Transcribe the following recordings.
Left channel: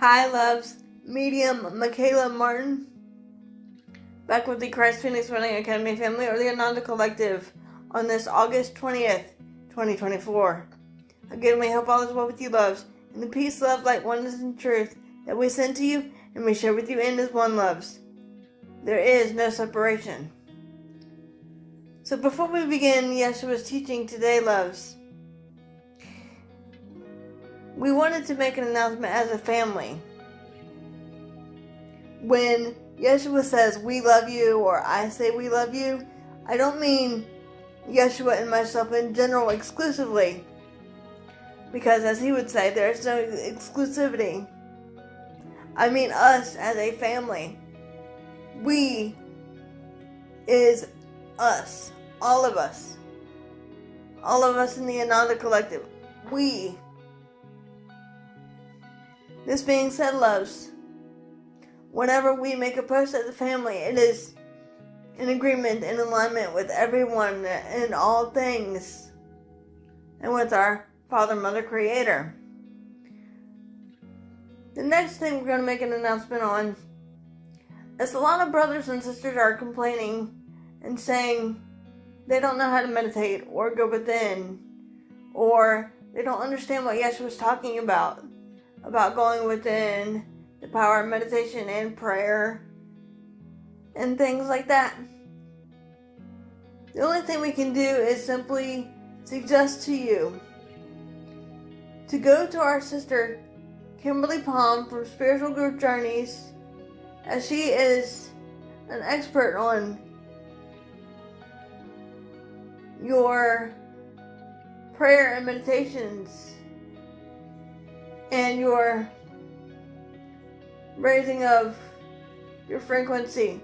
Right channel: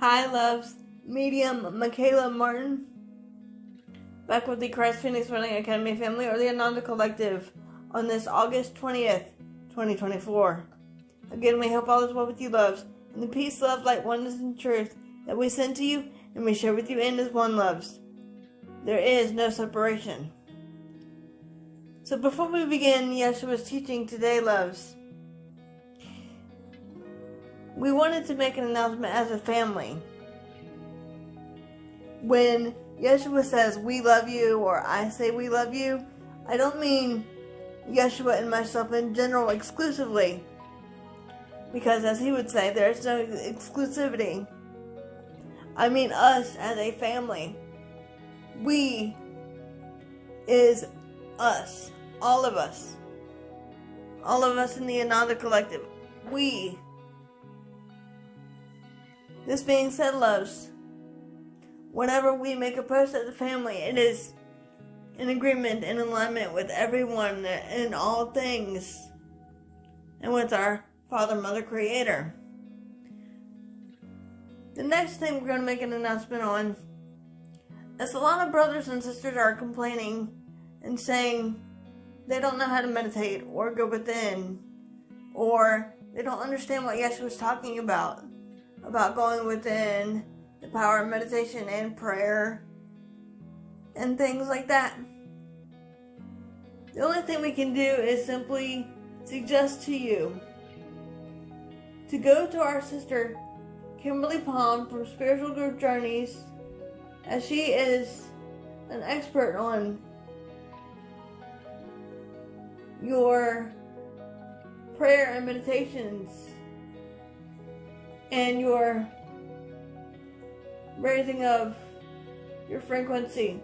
Hi, loves. Medium Michaela Martin. Back with the Christ Phoenix Running Academy family, or the Ananda Collective, on this August 20th, 2024. Again, we hope all is well with you, loves, and the peace, love, light, oneness, and truth that we send to you and we share with you in as one, loves. There is no separation. So before we begin Yeshua's teaching today, loves, we wanted to make an announcement as a family. When Yeshua says we love you, or I say we love you, I don't mean Yeshua and myself in general exclusively, because as he would say, there is no exclusivity. I mean us as a family. We is us. All of us. All of us in the Ananda Collective. We. This being said, loves, whenever we make a post as a family, it is in agreement and alignment with everyone and all things, and with our Father, Mother, Creator. The next thing we're going to make an announcement on is a lot of brothers and sisters are complaining and saying they don't know how to meditate or go within, or they don't understand what Yeshua was talking about going within, the power of meditation and prayer, and things like that. The only thing we can do is simply suggest to you to go to our sister Kimberly Palm from Spiritual Group Journeys, as she is an expert on your prayer and meditations and your raising of your frequency.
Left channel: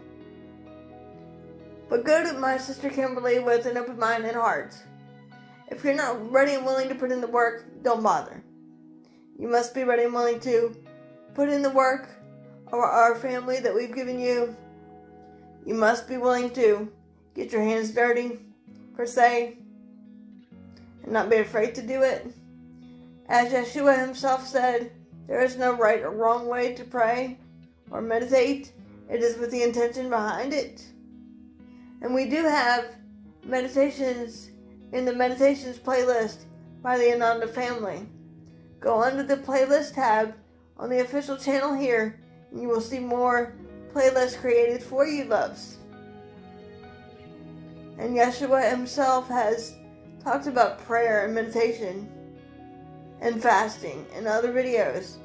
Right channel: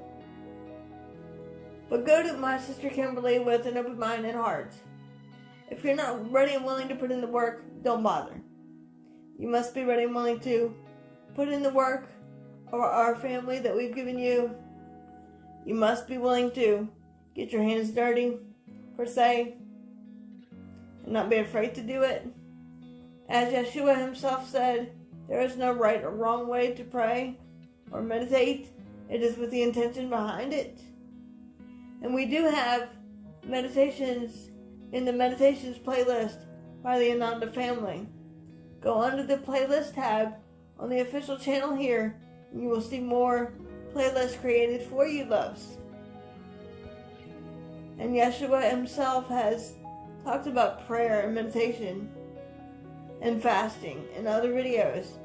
But go to my sister Kimberly with an open mind and heart. If you're not ready and willing to put in the work, don't bother. You must be ready and willing to put in the work of our family that we've given you. You must be willing to get your hands dirty, per se, and not be afraid to do it. As Yeshua himself said, there is no right or wrong way to pray or meditate. It is with the intention behind it. And we do have meditations in the meditations playlist by the Ananda family. Go under the playlist tab on the official channel here, and you will see more playlists created for you, loves. And Yeshua himself has talked about prayer and meditation and fasting and other videos.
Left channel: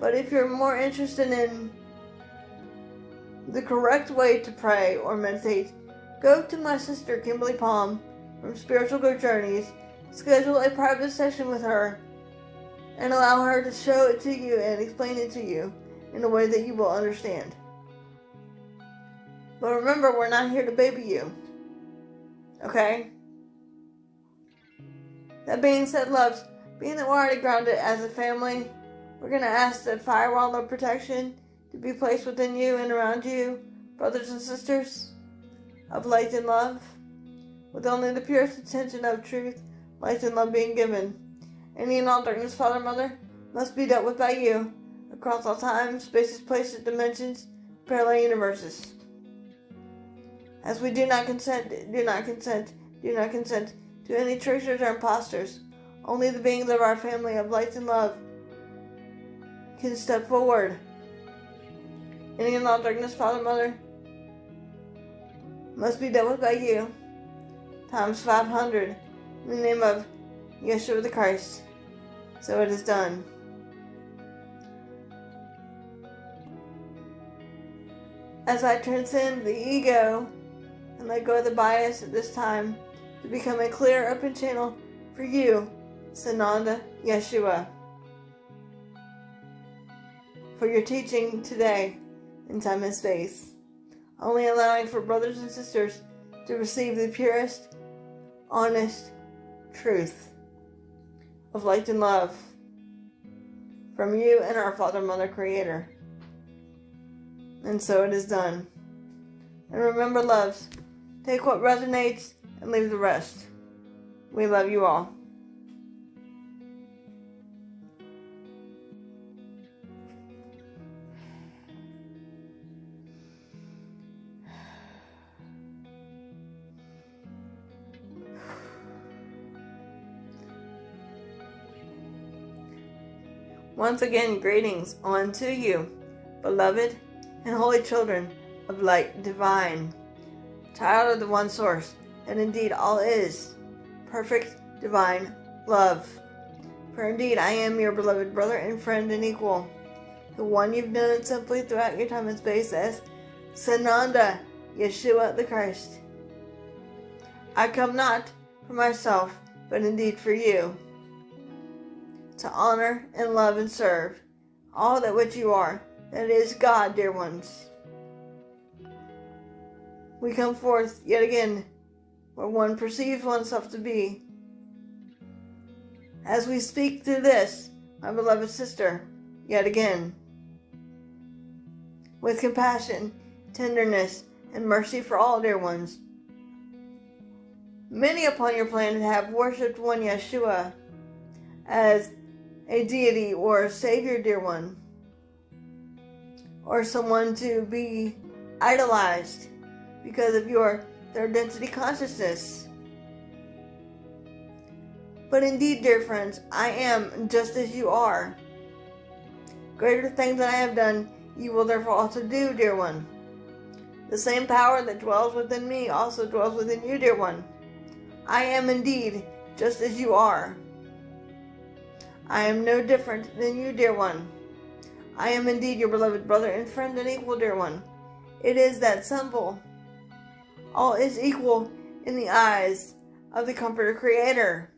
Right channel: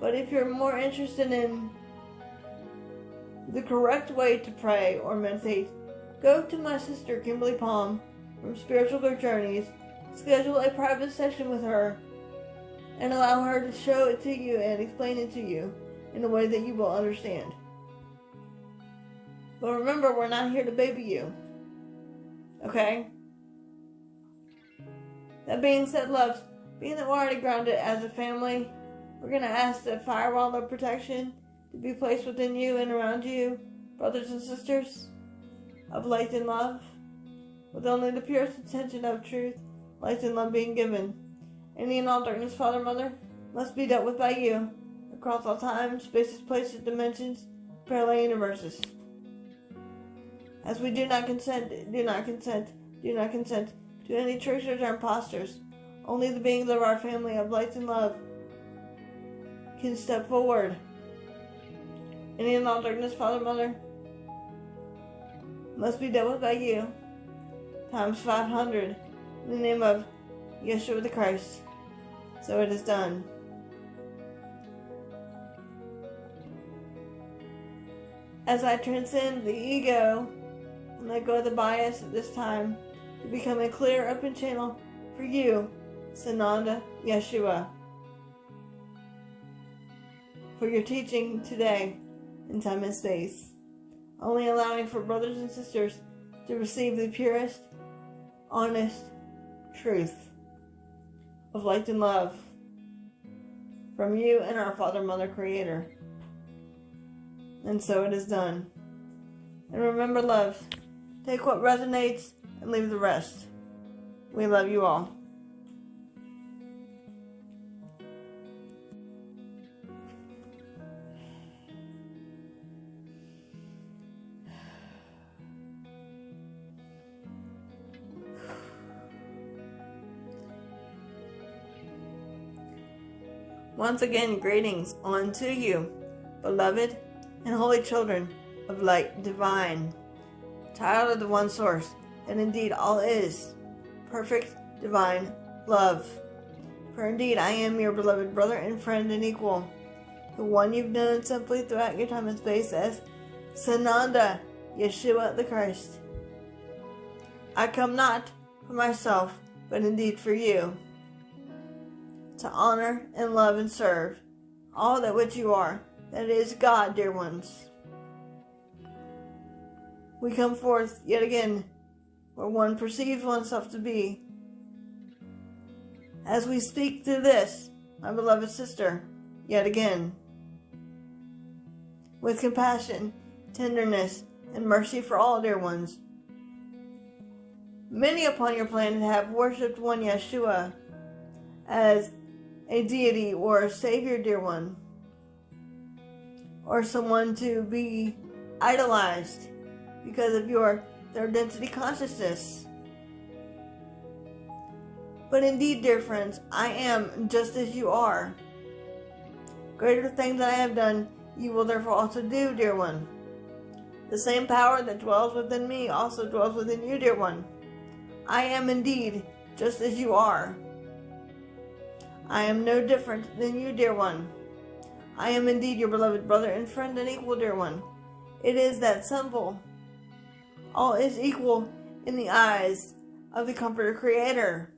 But if you're more interested in the correct way to pray or meditate, go to my sister Kimberly Palm from Spiritual Group Journeys, schedule a private session with her, and allow her to show it to you and explain it to you in a way that you will understand. But remember, we're not here to baby you. Okay? That being said, loves, being that we're already grounded as a family, we're going to ask the firewall of protection to be placed within you and around you, brothers and sisters of light and love, with only the purest intention of truth, light and love being given. Any and all darkness, Father, Mother, must be dealt with by you, across all time, spaces, places, dimensions, parallel universes. As we do not consent to any tricksters or imposters. Only the beings of our family of light and love can step forward. Any and all darkness, Father, Mother, must be dealt with by you, times 500, in the name of Yeshua the Christ. So it is done. As I transcend the ego and let go of the bias at this time to become a clear, open channel for you, Sananda Yeshua, for your teaching today in time and space, only allowing for brothers and sisters to receive the purest, honest truth of light and love from you and our Father, Mother, Creator. And so it is done. And remember, loves, take what resonates and leave the rest. We love you all. Once again, greetings unto you, beloved and holy children of light divine, child of the one source, that indeed all is perfect divine love. For indeed I am your beloved brother and friend and equal, the one you've known simply throughout your time and space as Sananda, Yeshua the Christ. I come not for myself, but indeed for you, to honor and love and serve all that which you are, that is God, dear ones. We come forth yet again where one perceives oneself to be. As we speak through this, my beloved sister, yet again, with compassion, tenderness, and mercy for all, dear ones. Many upon your planet have worshipped one Yeshua as a deity or a savior, dear one, or someone to be idolized because of their identity consciousness. But indeed, dear friends, I am just as you are. Greater things that I have done, you will therefore also do, dear one. The same power that dwells within me also dwells within you, dear one. I am indeed just as you are. I am no different than you, dear one. I am indeed your beloved brother and friend and equal, dear one. It is that simple. All is equal in the eyes of the Comforter Creator.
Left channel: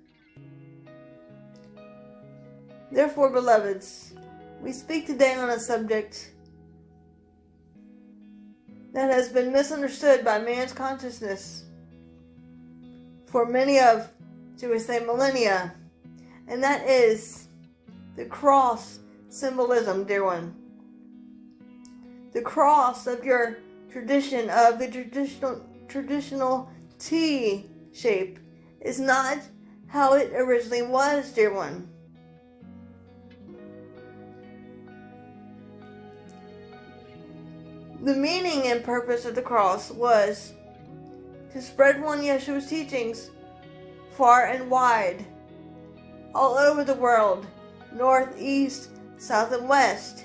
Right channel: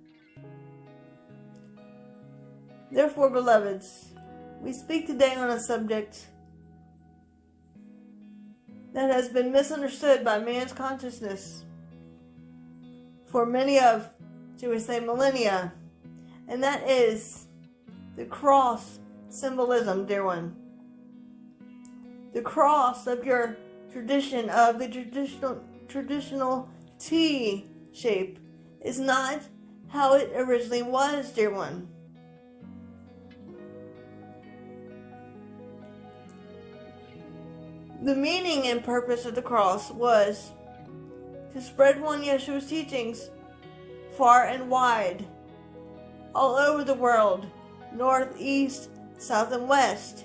Therefore, beloveds, we speak today on a subject that has been misunderstood by man's consciousness for many of, shall we say, millennia, and that is the cross symbolism, dear one. The cross of your tradition, of the traditional T shape, is not how it originally was, dear one. The meaning and purpose of the cross was to spread one Yeshua's teachings far and wide, all over the world, north, east, south, and west.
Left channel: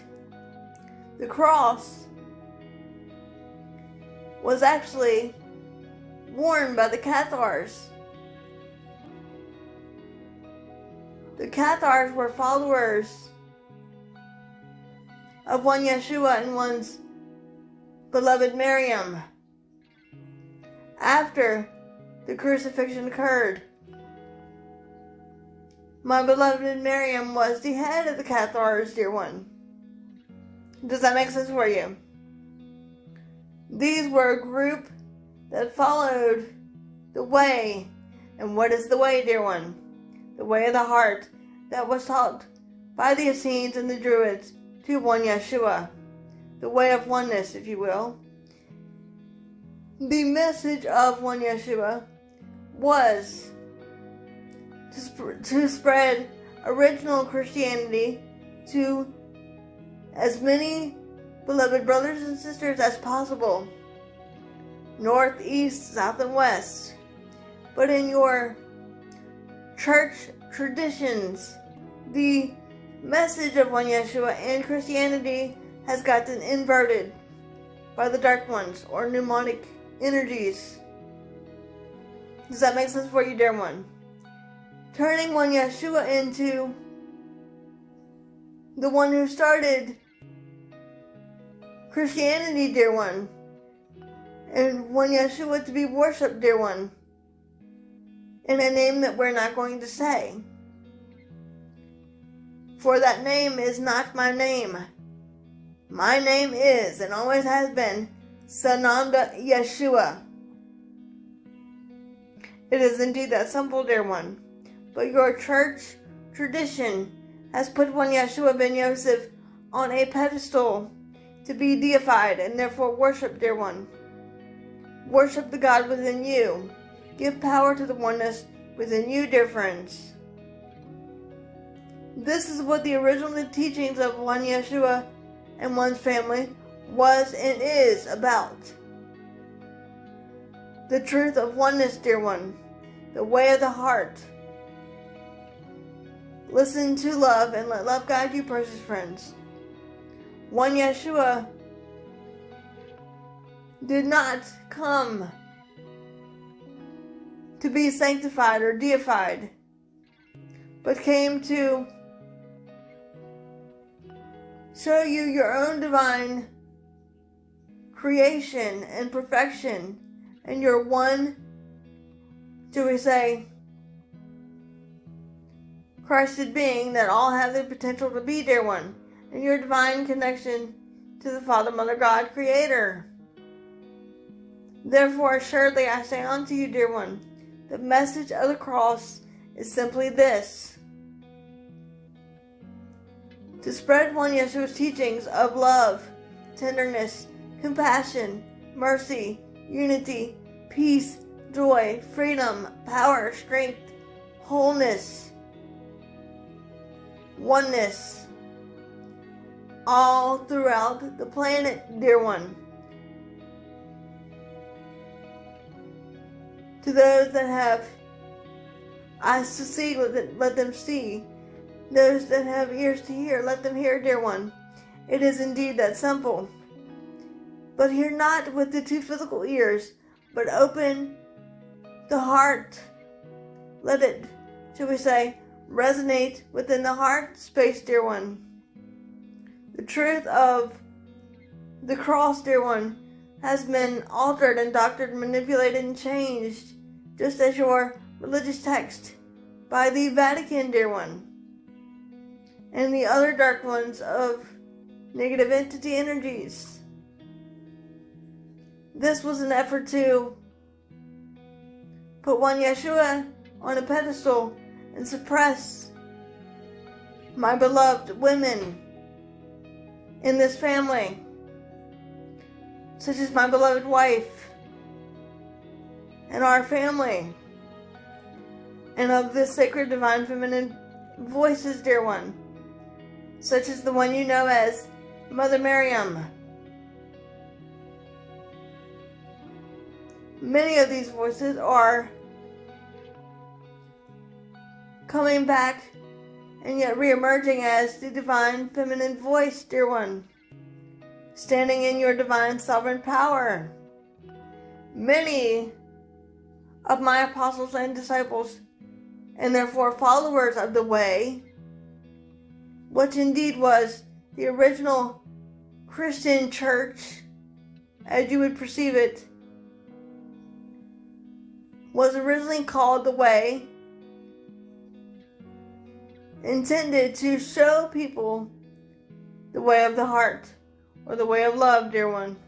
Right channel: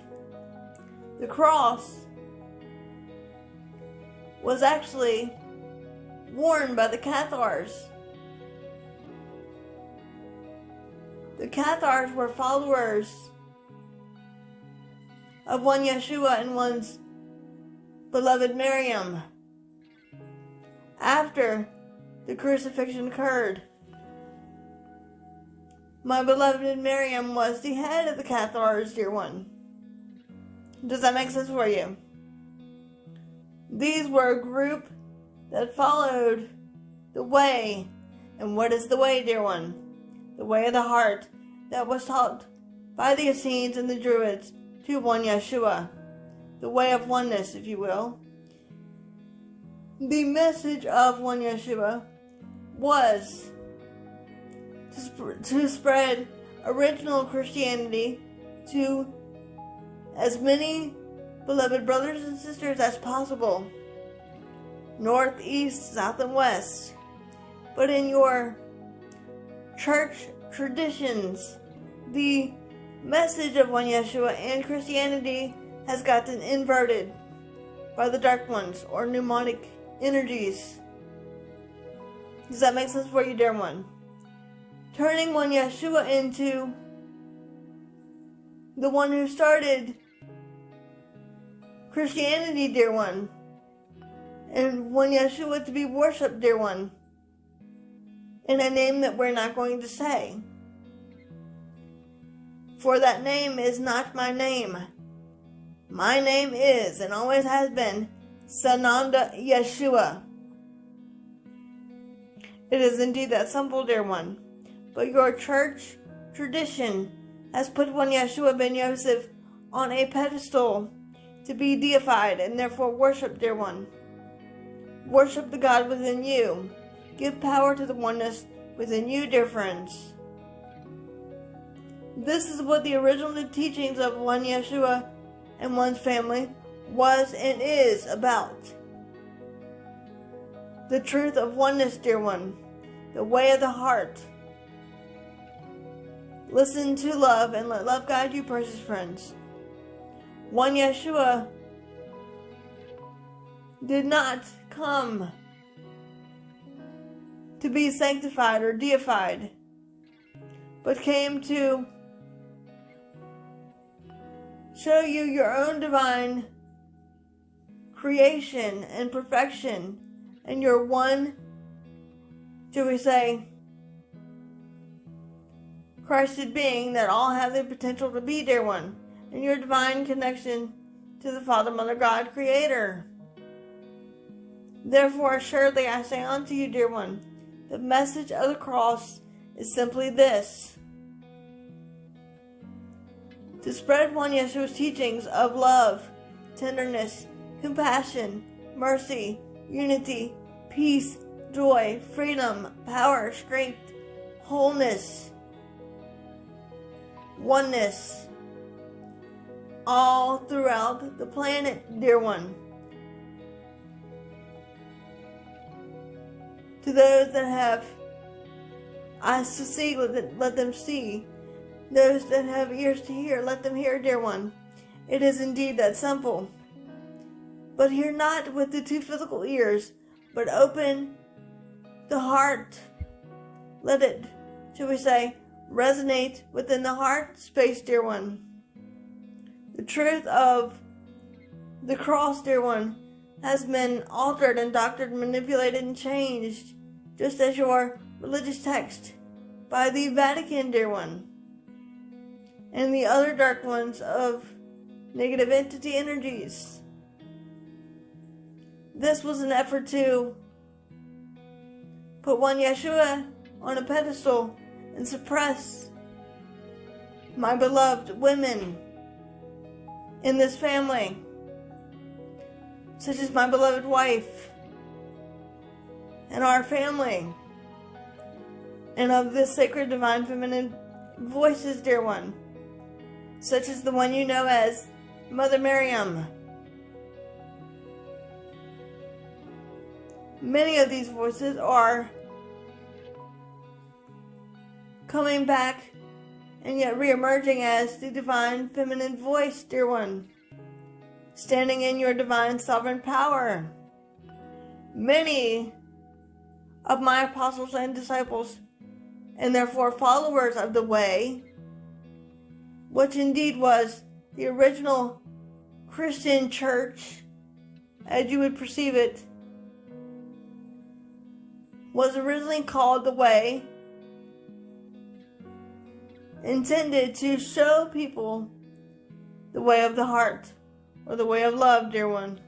The cross was actually worn by the Cathars. The Cathars were followers of one Yeshua and one's beloved Miriam. After the crucifixion occurred, my beloved Miriam was the head of the Cathars, dear one. Does that make sense for you? These were a group that followed the way. And what is the way, dear one? The way of the heart that was taught by the Essenes and the Druids to one Yeshua. The way of oneness, if you will. The message of one Yeshua was to spread original Christianity to as many beloved brothers and sisters as possible, north, east, south, and west. But in your church traditions, the message of one Yeshua and Christianity has gotten inverted by the dark ones or pneumonic energies. Does that make sense for you, dear one? Turning one Yeshua into the one who started Christianity, dear one, and one Yeshua to be worshipped, dear one, in a name that we're not going to say. For that name is not my name. My name is, and always has been, Sananda Yeshua. It is indeed that simple, dear one. But your church tradition has put one Yeshua ben Yosef on a pedestal to be deified and therefore worship, dear one. Worship the God within you. Give power to the oneness within you, dear friends. This is what the original teachings of one Yeshua and one's family was and is about. The truth of oneness, dear one. The way of the heart. Listen to love and let love guide you, precious friends. One Yeshua did not come to be sanctified or deified, but came to show you your own divine creation and perfection, and your one, shall we say, Christed being that all have the potential to be, dear one, and your divine connection to the Father, Mother, God, Creator. Therefore, assuredly I say unto you, dear one, the message of the cross is simply this: to spread one Yeshua's teachings of love, tenderness, compassion, mercy, unity, peace, joy, freedom, power, strength, wholeness, oneness, all throughout the planet, dear one. To those that have eyes to see, let them see. Those that have ears to hear, let them hear, dear one. It is indeed that simple. But hear not with the two physical ears, but open the heart. Let it, shall we say, resonate within the heart space, dear one. The truth of the cross, dear one, has been altered and doctored, manipulated, and changed, just as your religious text by the Vatican, dear one, and the other dark ones of negative entity energies. This was an effort to put one Yeshua on a pedestal and suppress my beloved women in this family, such as my beloved wife and our family, and of this sacred divine feminine voices, dear one, such as the one you know as Mother Miriam. Many of these voices are coming back and yet re-emerging as the divine feminine voice, dear one, standing in your divine sovereign power. Many of my apostles and disciples, and therefore followers of the way, which indeed was the original Christian church, as you would perceive it, was originally called the Way, intended to show people the way of the heart, or the way of love, dear one.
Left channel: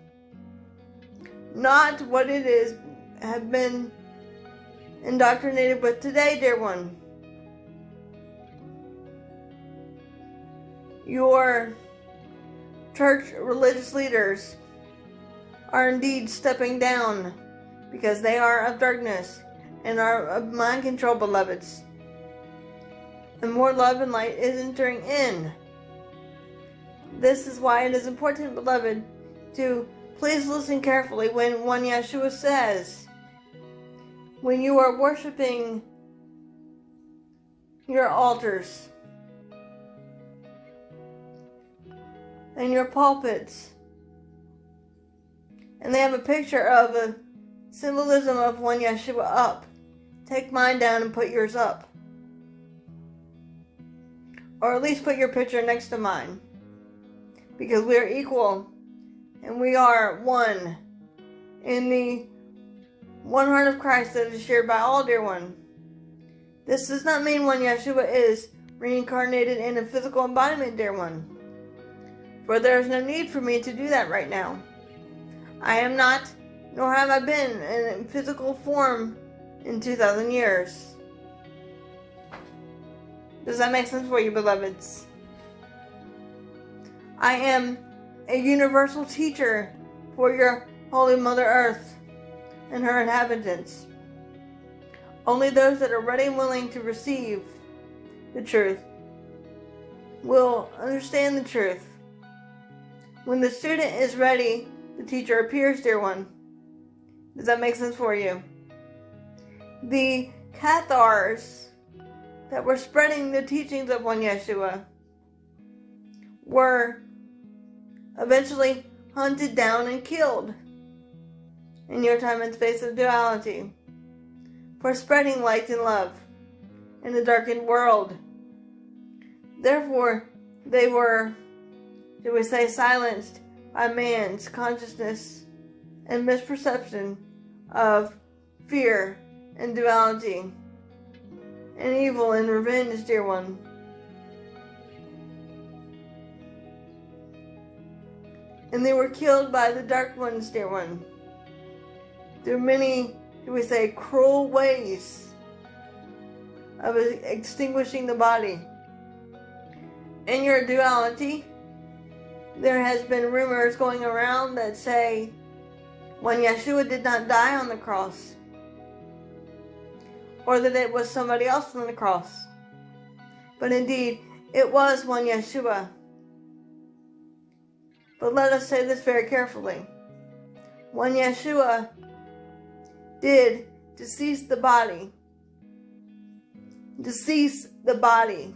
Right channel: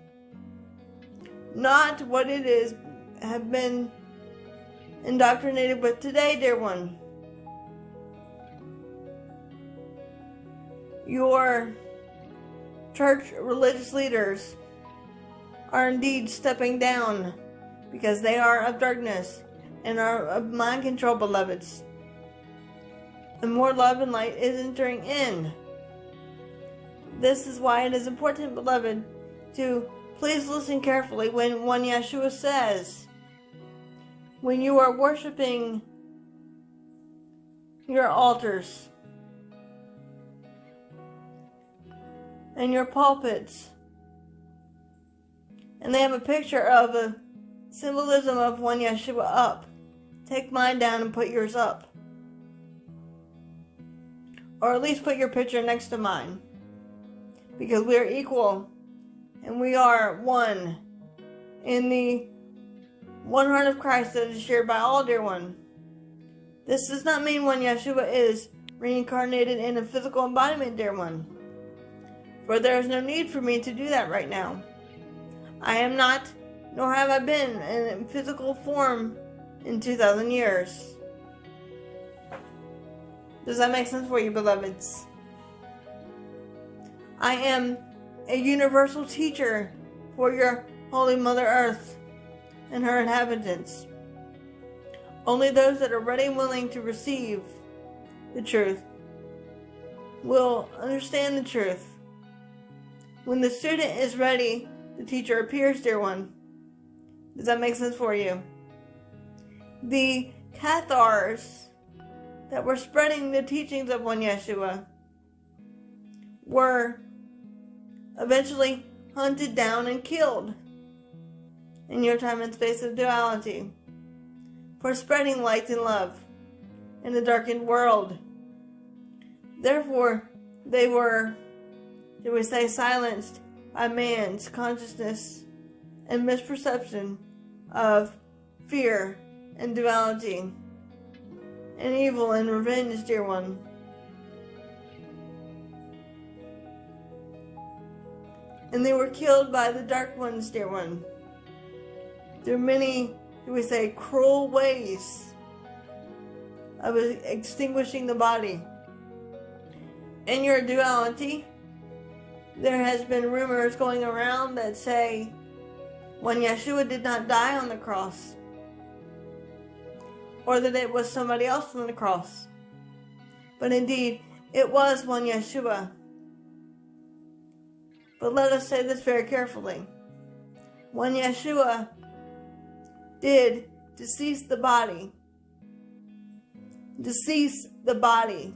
Not what it is have been indoctrinated with today, dear one. Your church religious leaders are indeed stepping down because they are of darkness and are of mind control, beloveds. And more love and light is entering in. This is why it is important, beloved, to please listen carefully when one Yeshua says, when you are worshiping your altars and your pulpits, and they have a picture of a symbolism of one Yeshua up. Take mine down and put yours up. Or at least put your picture next to mine. Because we are equal and we are one in the one heart of Christ that is shared by all, dear one. This does not mean one Yeshua is reincarnated in a physical embodiment, dear one. For there is no need for me to do that right now. I am not, nor have I been in physical form in 2,000 years. Does that make sense for you, beloveds? I am a universal teacher for your Holy Mother Earth and her inhabitants. Only those that are ready and willing to receive the truth will understand the truth. When the student is ready, the teacher appears, dear one. Does that make sense for you? The Cathars, that were spreading the teachings of one Yeshua were eventually hunted down and killed in your time and space of duality for spreading light and love in a darkened world. Therefore, they were, shall we say, silenced by man's consciousness and misperception of fear and duality and evil and revenge, dear one. And they were killed by the dark ones, dear one, through many, shall we say, cruel ways of extinguishing the body. In your duality, there has been rumors going around that say when Yeshua did not die on the cross, or that it was somebody else on the cross. But indeed, it was one Yeshua. But let us say this very carefully. One Yeshua did decease the body. Decease the body.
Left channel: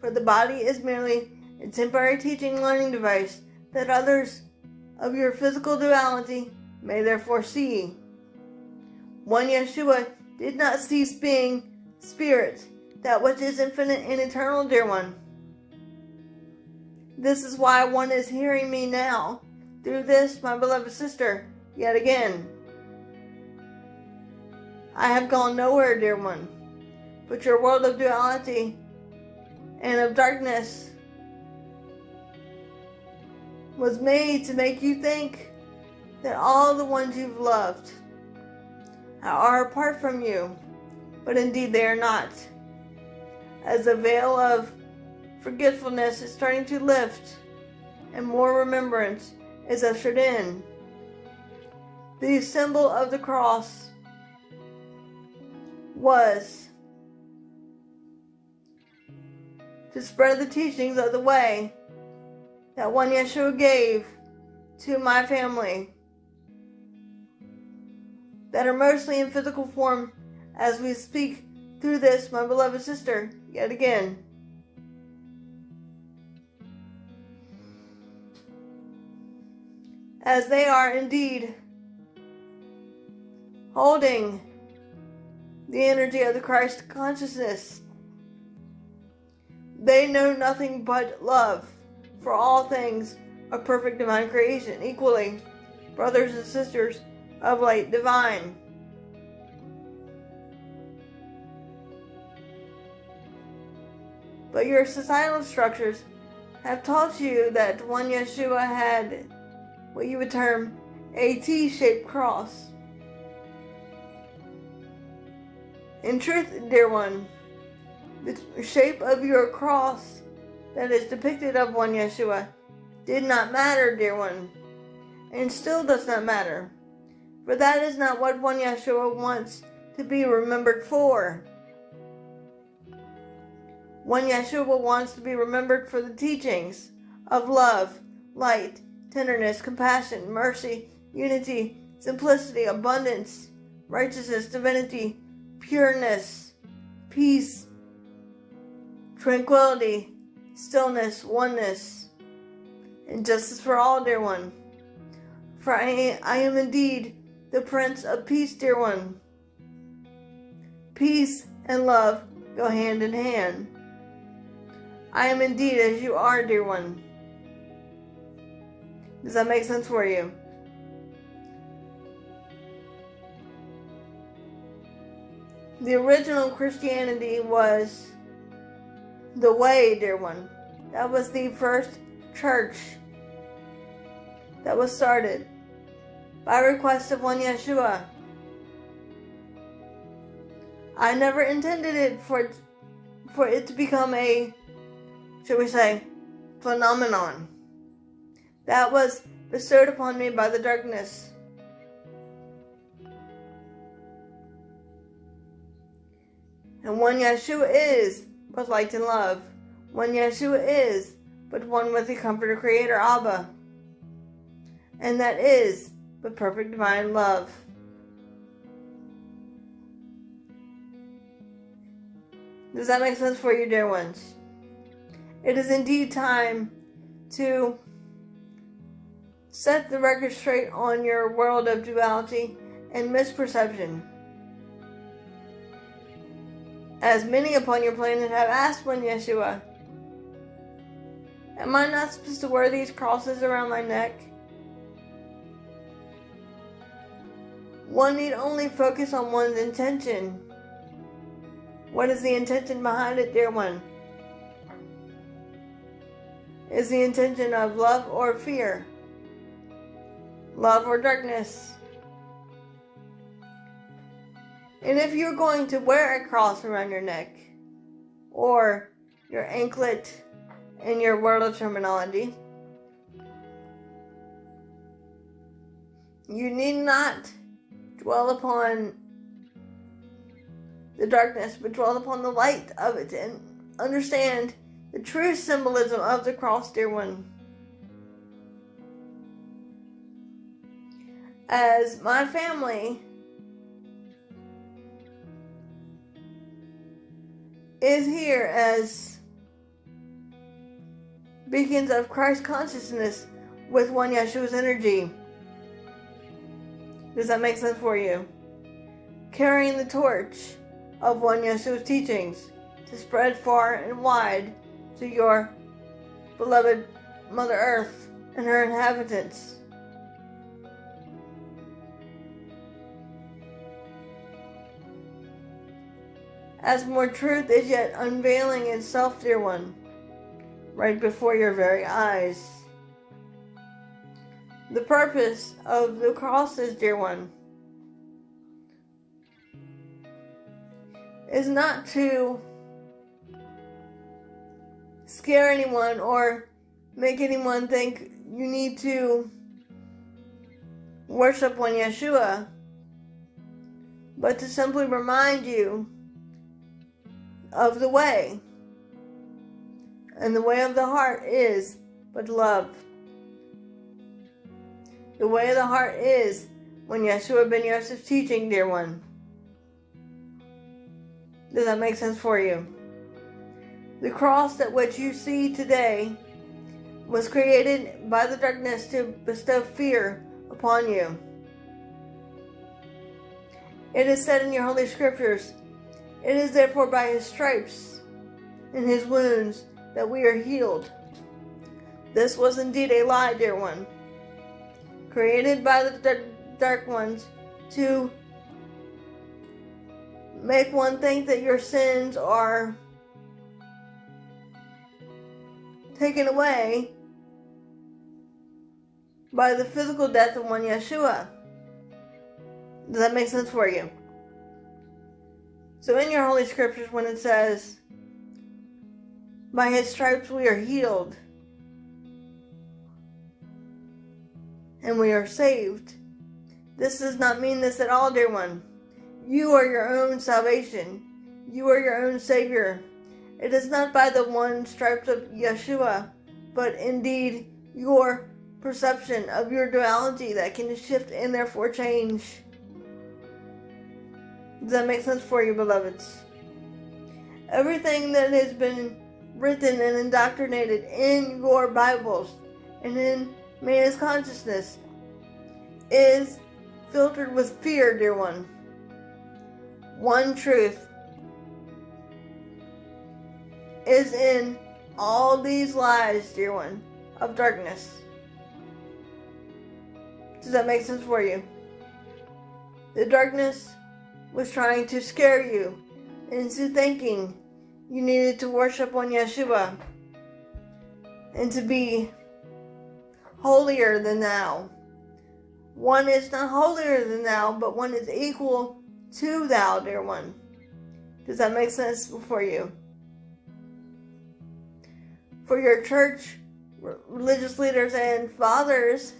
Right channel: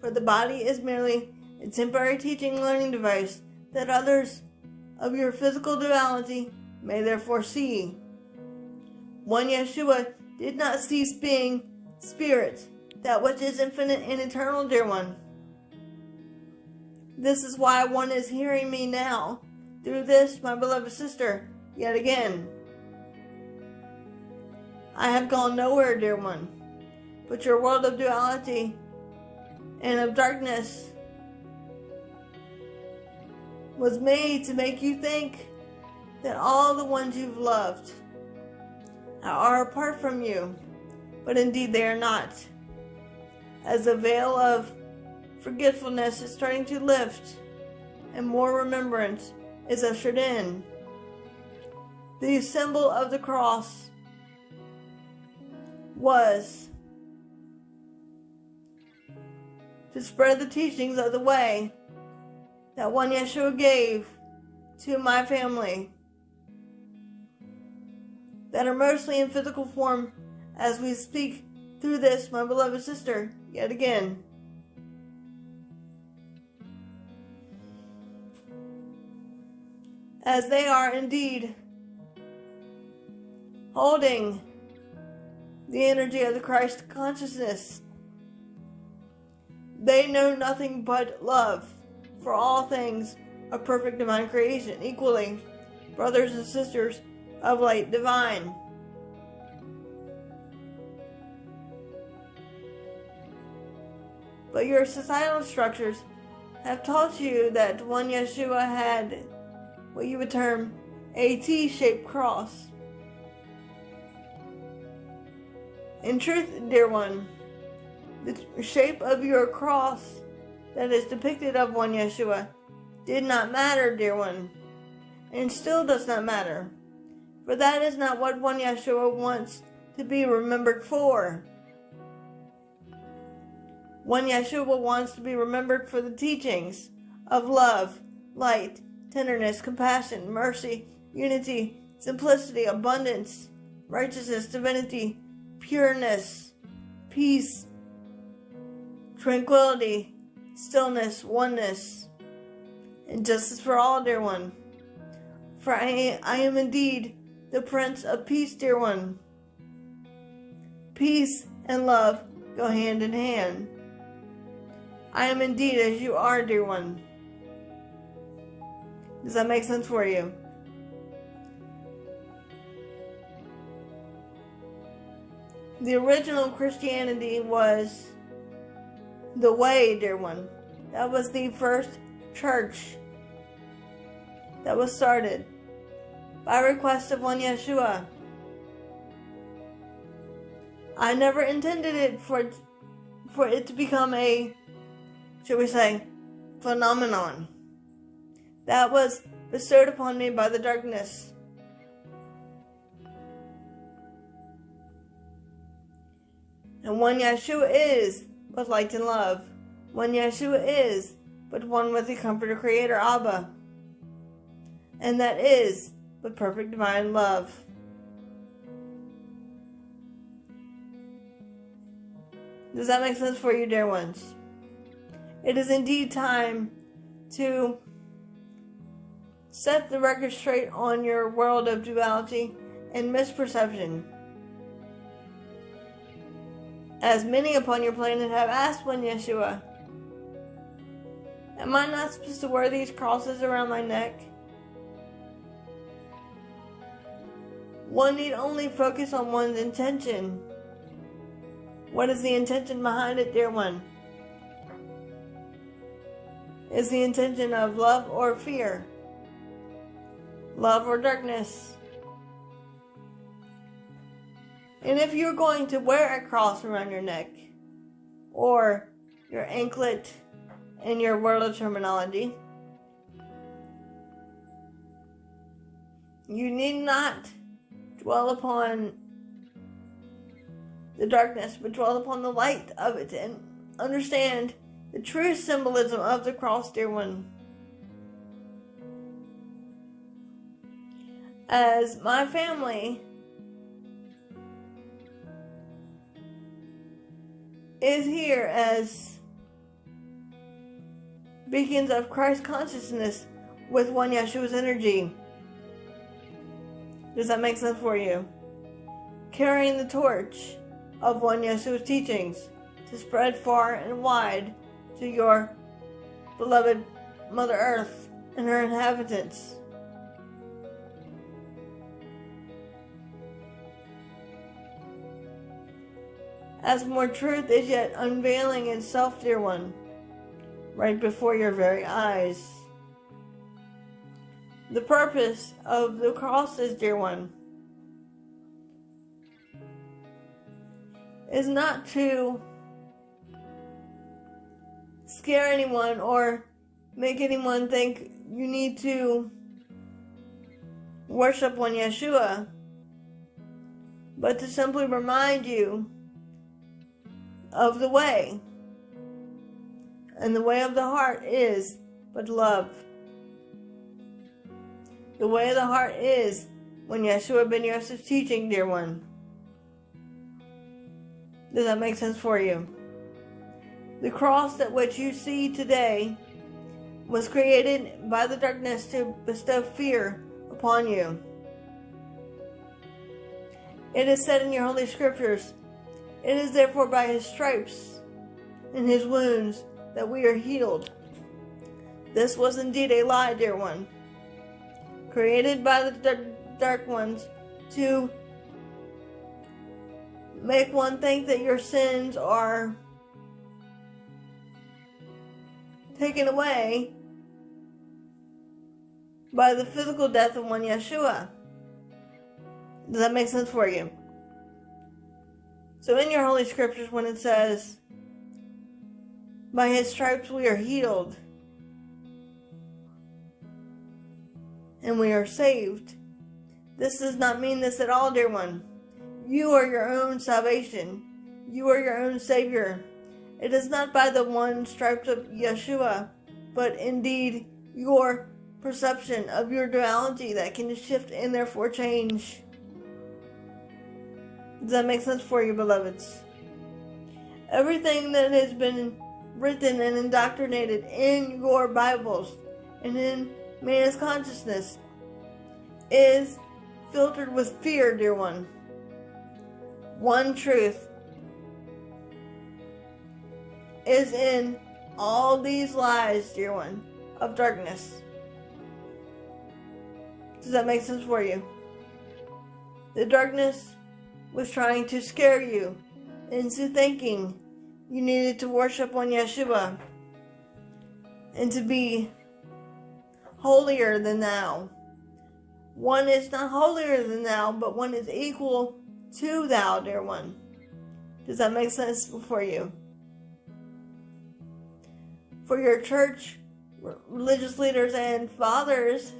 For the body is merely a temporary teaching and learning device that others of your physical duality may therefore see. One Yeshua did not cease being spirit, that which is infinite and eternal, dear one. This is why one is hearing me now, through this, my beloved sister, yet again. I have gone nowhere, dear one, but your world of duality and of darkness was made to make you think that all the ones you've loved are apart from you, but indeed they are not. As the veil of forgetfulness is starting to lift and more remembrance is ushered in, the symbol of the cross was to spread the teachings of the way that one Yeshua gave to my family that are mostly in physical form as we speak through this, my beloved sister, yet again. As they are indeed holding the energy of the Christ consciousness, they know nothing but love for all things of perfect divine creation, equally brothers and sisters of light divine. But your societal structures have taught you that one Yeshua had what you would term a T-shaped cross. In truth, dear one, the shape of your cross that is depicted of one Yeshua did not matter, dear one, and still does not matter. For that is not what one Yeshua wants to be remembered for. One Yeshua wants to be remembered for the teachings of love, light, tenderness, compassion, mercy, unity, simplicity, abundance, righteousness, divinity, pureness, peace, tranquility, stillness, oneness, and justice for all, dear one. For I am indeed the Prince of Peace, dear one. Peace and love go hand in hand. I am indeed as you are, dear one. Does that make sense for you? The original Christianity was the way, dear one. That was the first church that was started by request of one Yeshua. I never intended it for it to become a, shall we say, phenomenon that was bestowed upon me by the darkness. And one Yeshua is but light and love. One Yeshua is but one with the Comforter Creator, Abba. And that is but perfect divine love. Does that make sense for you, dear ones? It is indeed time to set the record straight on your world of duality and misperception. As many upon your planet have asked one Yeshua, am I not supposed to wear these crosses around my neck? One need only focus on one's intention. What is the intention behind it, dear one? Is the intention of love or fear? Love or darkness? And if you're going to wear a cross around your neck, or your anklet in your world terminology, you need not dwell upon the darkness, but dwell upon the light of it and understand the true symbolism of the cross, dear one. As my family is here as beacons of Christ consciousness with one Yeshua's energy. Does that make sense for you? Carrying the torch of one Yeshua's teachings to spread far and wide to your beloved Mother Earth and her inhabitants. As more truth is yet unveiling itself, dear one, right before your very eyes. The purpose of the crosses, dear one, is not to scare anyone or make anyone think you need to worship one Yeshua, but to simply remind you of the way. And the way of the heart is but love. The way of the heart is when Yeshua ben Yosef's teaching, dear one. Does that make sense for you? The cross that which you see today was created by the darkness to bestow fear upon you. It is said in your holy scriptures, it is therefore by his stripes and his wounds that we are healed. This was indeed a lie, dear one, created by the dark ones to make one think that your sins are taken away by the physical death of one Yeshua. Does that make sense for you? So in your holy scriptures, when it says, by his stripes we are healed and we are saved, this does not mean this at all, dear one. You are your own salvation. You are your own Savior. It is not by the one stripes of Yeshua, but indeed your perception of your duality that can shift and therefore change. Does that make sense for you, beloveds? Everything that has been written and indoctrinated in your Bibles and in man's consciousness is filtered with fear, dear one. One truth is in all these lies, dear one, of darkness. Does that make sense for you? The darkness was trying to scare you into thinking you needed to worship one Yeshua and to be holier than thou. One is not holier than thou, but one is equal to thou, dear one. Does that make sense for you? For your church, religious leaders and fathers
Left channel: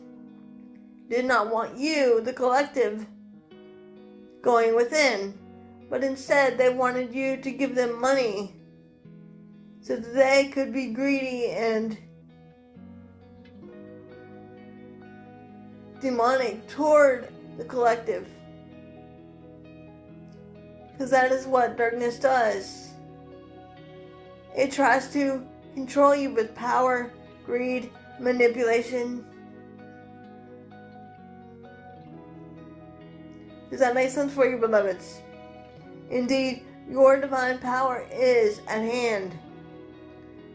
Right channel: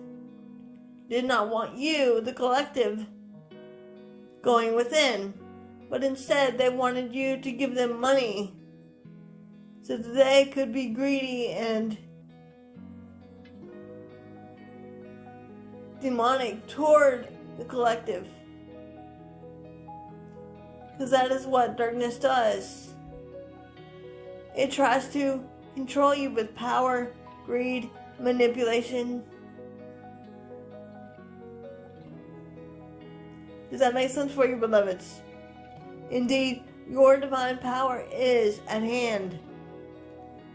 did not want you, the collective, going within, but instead they wanted you to give them money so that they could be greedy and demonic toward the collective. Because that is what darkness does. It tries to control you with power, greed, manipulation. Does that make sense for you, beloveds? Indeed, your divine power is at hand.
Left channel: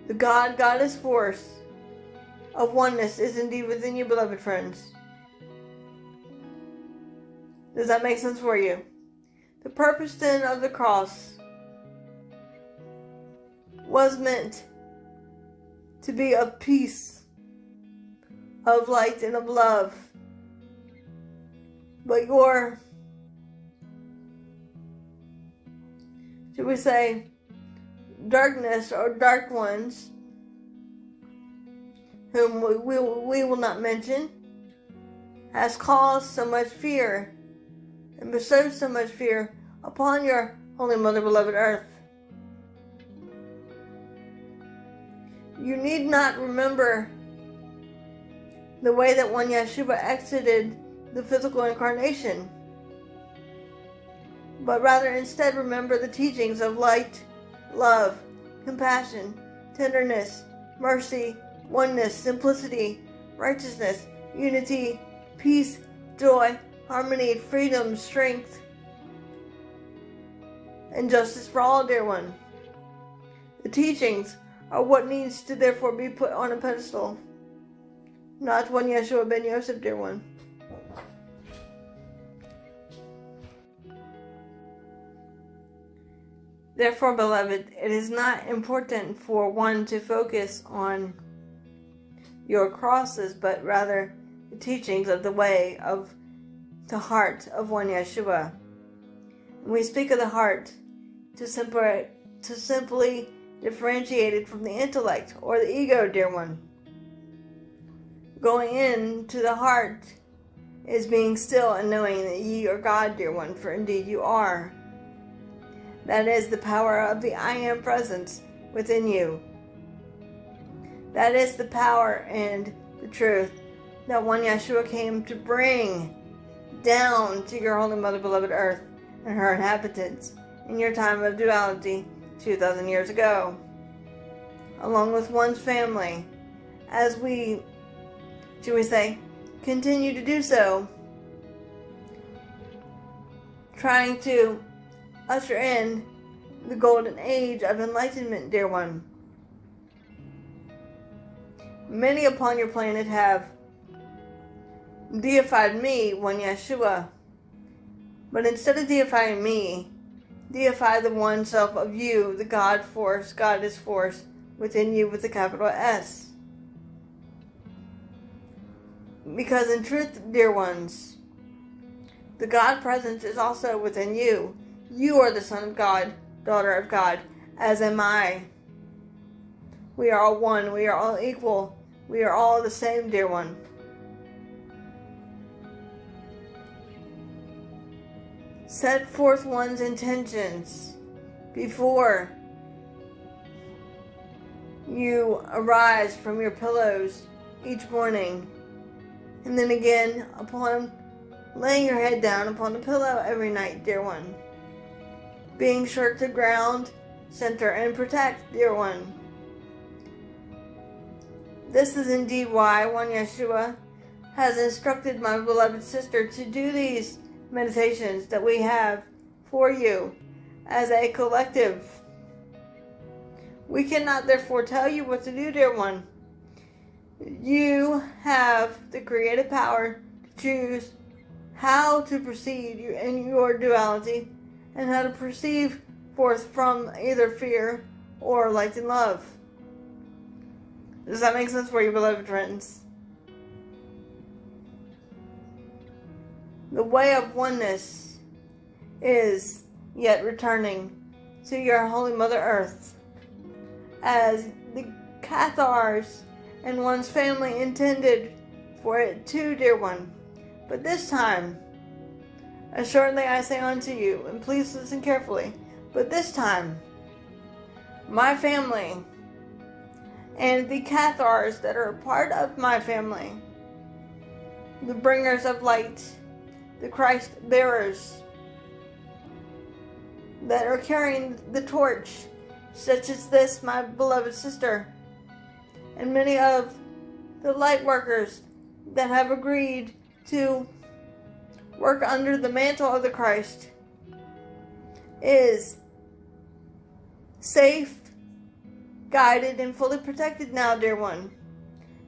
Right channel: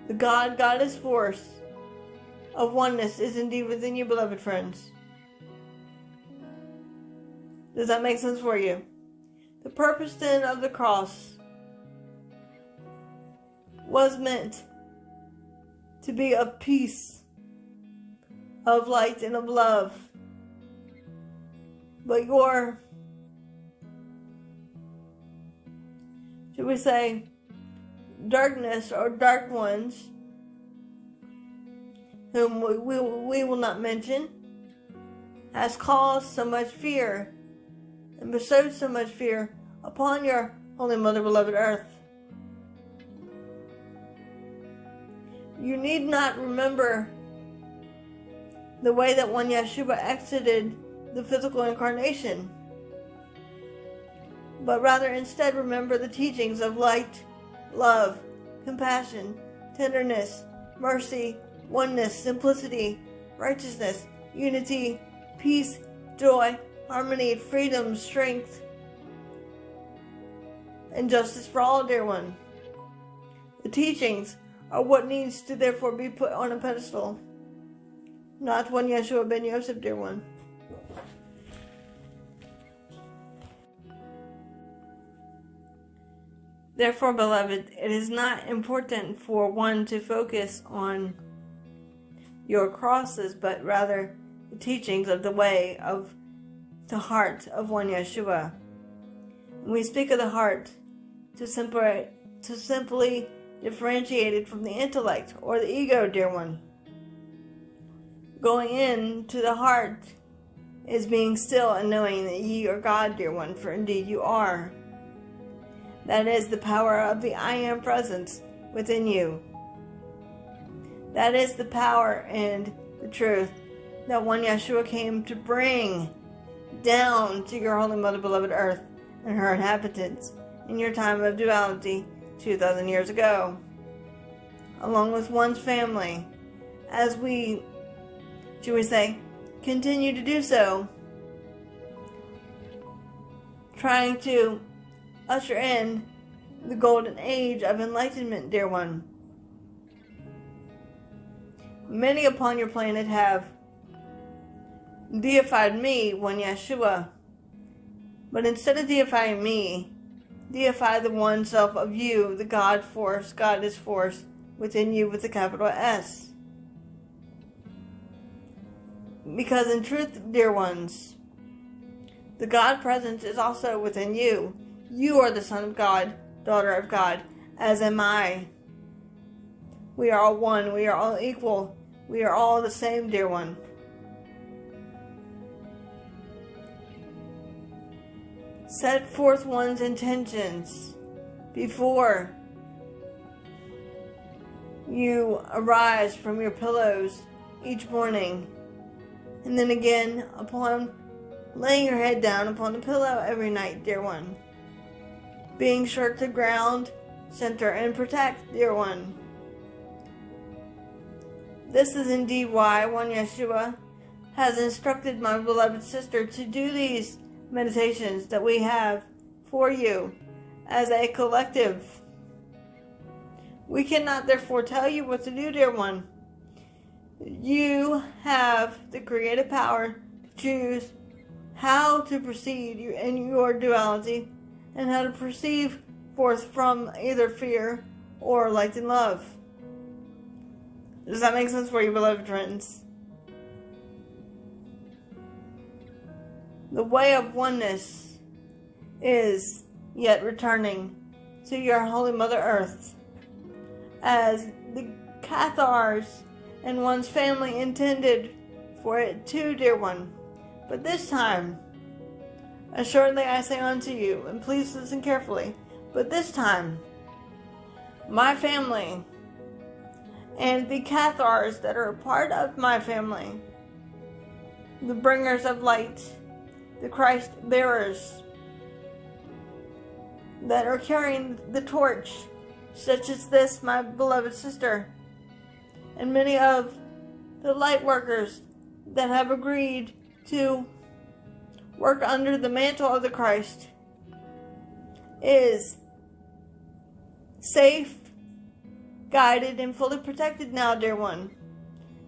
The God-Goddess force of oneness is indeed within you, beloved friends. Does that make sense for you? The purpose then of the cross was meant to be of peace, of light, and of love. But your, should we say, darkness or dark ones, whom we will not mention, has caused so much fear and bestowed so much fear upon your Holy Mother, beloved Earth. You need not remember the way that one Yeshua exited the physical incarnation, but rather instead remember the teachings of light, love, compassion, tenderness, mercy, oneness, simplicity, righteousness, unity, peace, joy, harmony, freedom, strength, and justice for all, dear one. The teachings are what needs to therefore be put on a pedestal, not one Yeshua ben Yosef, dear one. Therefore, beloved, it is not important for one to focus on your crosses, but rather the teachings of the way of the heart of one Yeshua. When we speak of the heart, to simply differentiate it from the intellect or the ego, dear one. Going into the heart is being still and knowing that ye are God, dear one, for indeed you are. That is the power of the I Am presence within you. That is the power and the truth that one Yeshua came to bring down to your Holy Mother, beloved Earth, and her inhabitants in your time of duality 2,000 years ago, along with one's family, as we, should we say, continue to do so, trying to usher in the golden age of enlightenment, dear one. Many upon your planet have deified me, one Yeshua, but instead of deifying me, deify the one self of you, the God force, Goddess force within you with the capital S. Because in truth, dear ones, the God presence is also within you. You are the Son of God, daughter of God, as am I. We are all one. We are all equal. We are all the same, dear one. Set forth one's intentions before you arise from your pillows each morning, and then again upon laying your head down upon the pillow every night, dear one. Being sure to ground, center, and protect, dear one. This is indeed why one Yeshua has instructed my beloved sister to do these meditations that we have for you as a collective. We cannot therefore tell you what to do, dear one. You have the creative power to choose how to proceed in your duality and how to perceive forth from either fear or light and love. Does that make sense for you, beloved friends? The way of oneness is yet returning to your Holy Mother Earth, as the Cathars and one's family intended for it too, dear one. But this time, assuredly I say unto you, and please listen carefully, but this time, my family and the Cathars that are a part of my family, the bringers of light, the Christ bearers that are carrying the torch, such as this, my beloved sister, and many of the light workers that have agreed to work under the mantle of the Christ, is safe, guided, and fully protected now, dear one,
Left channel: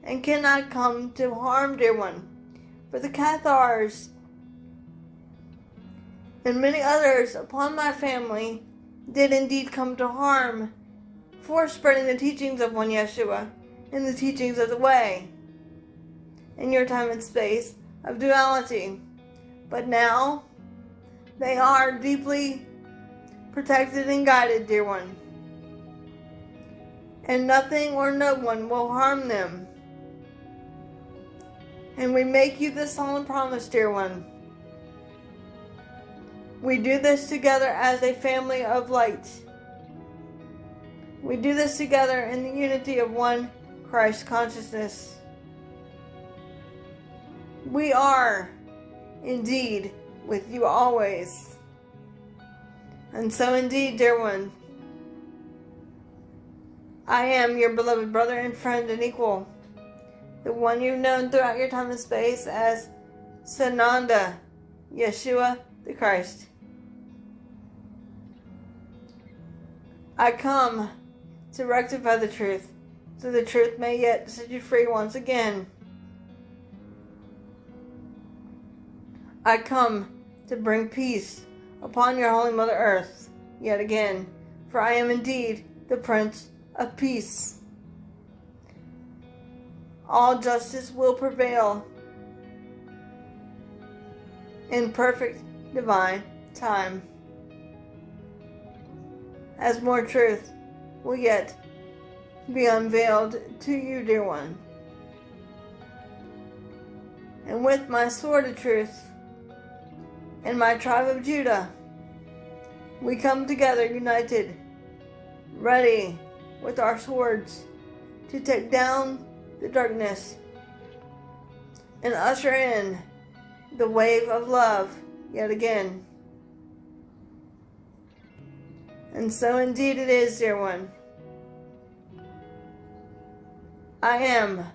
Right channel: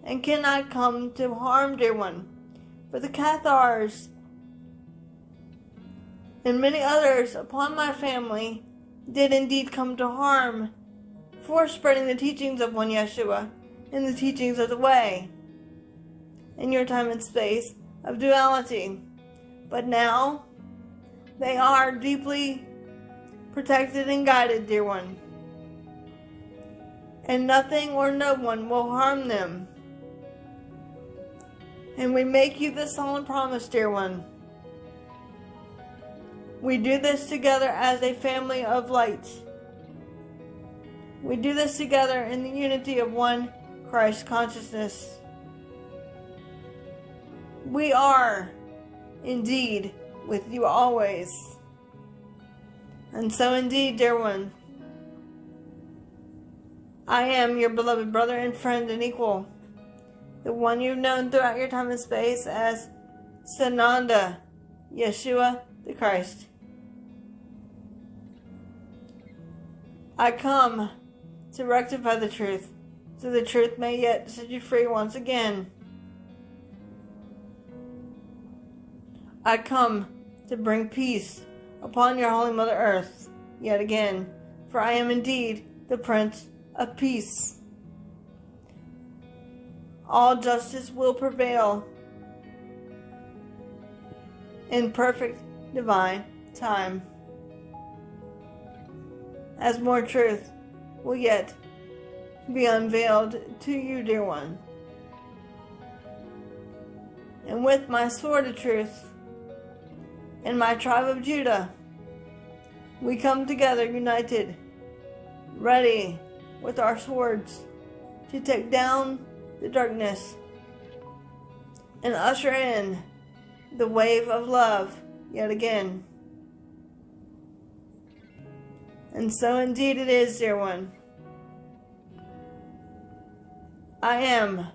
and cannot come to harm, dear one. For the Cathars and many others upon my family did indeed come to harm for spreading the teachings of one Yeshua and the teachings of the way in your time and space of duality. But now they are deeply protected and guided, dear one, and nothing or no one will harm them. And we make you this solemn promise, dear one. We do this together as a family of light. We do this together in the unity of one Christ consciousness. We are indeed with you always. And so indeed, dear one, I am your beloved brother and friend and equal, the one you've known throughout your time and space as Sananda, Yeshua the Christ. I come to rectify the truth, so the truth may yet set you free once again. I come to bring peace upon your holy Mother Earth yet again, for I am indeed the Prince of Peace. All justice will prevail in perfect divine time, as more truth will yet be unveiled to you, dear one. And with my sword of truth and my tribe of Judah, we come together united, ready with our swords to take down the darkness and usher in the wave of love yet again. And so indeed it is, dear one. I am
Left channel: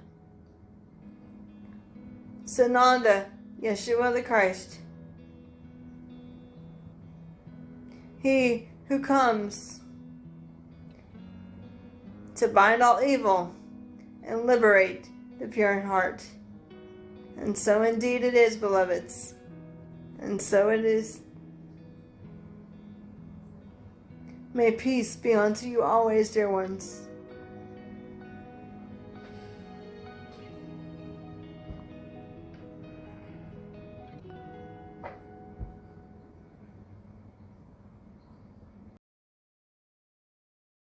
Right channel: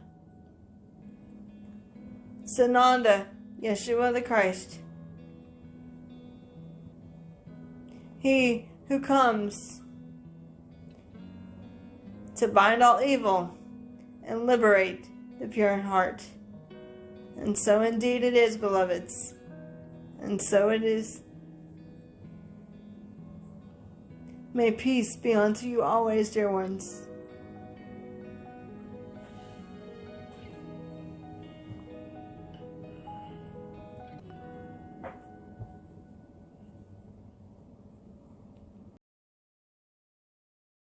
Sananda, Yeshua the Christ, he who comes to bind all evil and liberate the pure in heart. And so indeed it is, beloveds. And so it is. May peace be unto you always, dear ones.